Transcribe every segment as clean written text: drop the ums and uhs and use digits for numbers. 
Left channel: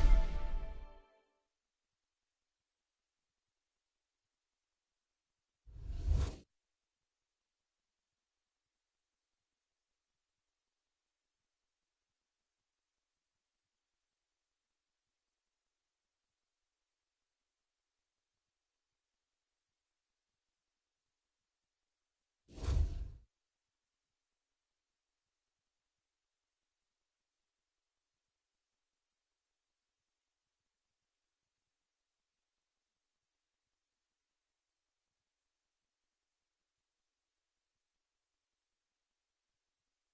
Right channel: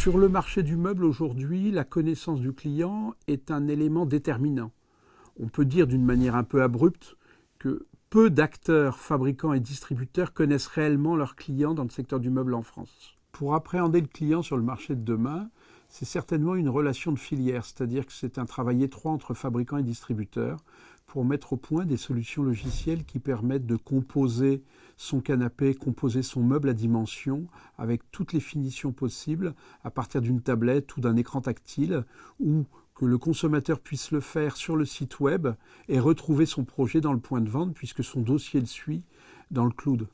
Sur le marché du meuble aujourd'hui, la connaissance du client est un élément déterminant. On peut dire d'une manière un peu abrupte que peu d'acteurs, fabricants et distributeurs connaissent réellement leurs clients dans le secteur du meuble en France. Pour appréhender le client sur le marché de demain, c'est certainement une relation de filière, c'est-à-dire que c'est un travail étroit entre fabricants et distributeurs pour mettre au point des solutions logicielles qui permettent de composer son canapé, composer son meuble à dimension avec toutes les finitions possibles à partir d'une tablette ou d'un écran tactile, ou que le consommateur puisse le faire sur le site web et retrouver son projet dans le point de vente puisque son dossier le suit dans le cloud.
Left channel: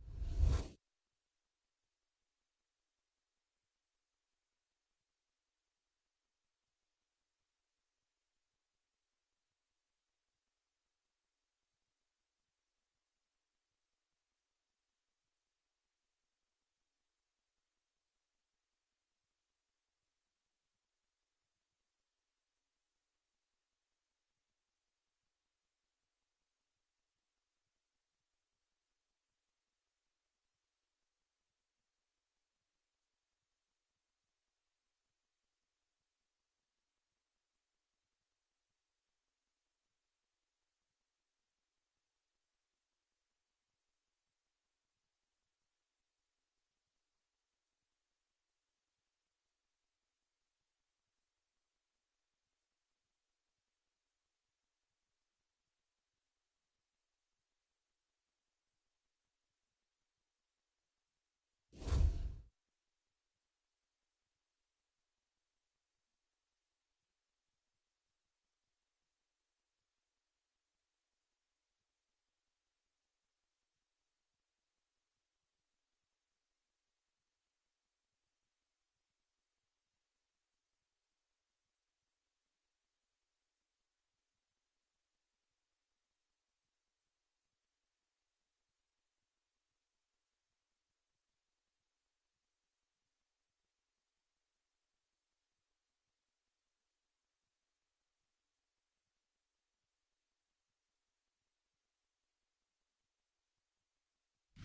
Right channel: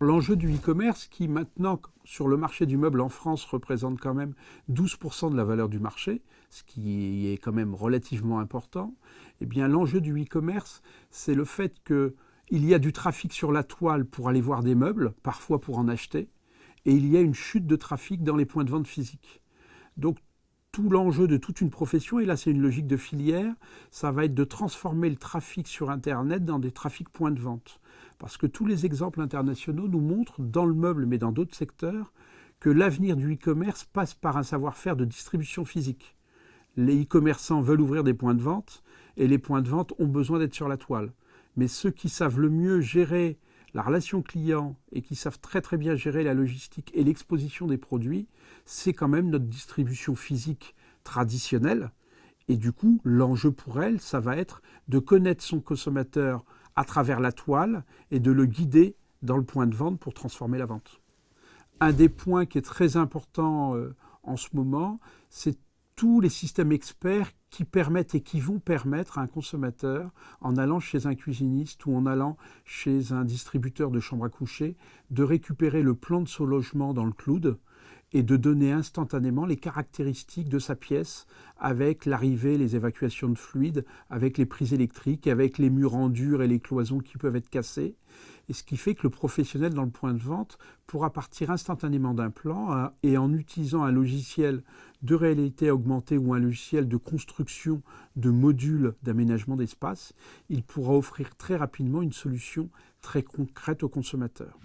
L'enjeu du e-commerce, qui maintenant sur le marché du meuble en France représente quand même 12% de la valeur du marché, ce qui est quand même relativement important, eh bien l'enjeu du e-commerce, c'est le fait qu'il y a du trafic sur la toile pour aller voir des meubles, parfois pour en acheter, et il y a une chute de trafic dans les points de vente physiques. Donc tout l'enjeu de toute une profession, et là c'est une logique de filière, ça va être de transformer le trafic sur Internet dans des trafics points de vente. Parce que tous les exemples internationaux nous montrent, dans le meuble mais dans d'autres secteurs, que l'avenir du e-commerce passe par un savoir-faire de distribution physique. Les e-commerçants veulent ouvrir des points de vente et les points de vente ont besoin d'être sur la toile. Mais ceux qui savent le mieux gérer la relation client et qui savent très très bien gérer la logistique et l'exposition des produits, c'est quand même notre distribution physique traditionnelle. Et du coup, l'enjeu pour elle, ça va être de connaître son consommateur à travers la toile et de le guider dans le point de vente pour transformer la vente. Un des points qui est très important en ce moment, c'est tous les systèmes experts qui permettent et qui vont permettre à un consommateur, en allant chez un cuisiniste ou en allant chez un distributeur de chambre à coucher, de récupérer le plan de son logement dans le cloud et de donner instantanément les caractéristiques de sa pièce avec l'arrivée, les évacuations de fluides, avec les prises électriques, avec les murs en dur et les cloisons qui peuvent être cassées. Et ce qui fait que le professionnel dans le point de vente pourra partir instantanément d'un plan et en utilisant un logiciel de réalité augmentée ou un logiciel de construction de modules d'aménagement d'espace, il pourra offrir très rapidement une solution très concrète au consommateur.